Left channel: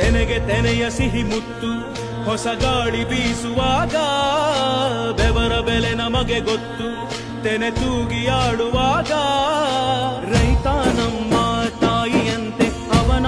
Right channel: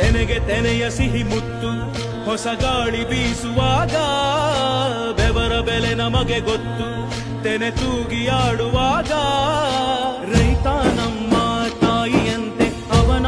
ತೆನೆಗೆ ತೆನೆಯ ಸಿಹಿ ಮುತ್ತು ಹೊಸ ಗಾಳಿ ಬೀಸುವಾಗ ಬೆವರ ಬೆಲೆ ನಮಗೆ ಗೊತ್ತು ತೆನೆ ತೂಗಿ ಆಡುವಾಗ ರೈತ ನಮ್ಮ ತಾಯಿಯಂತೆ ಅವನ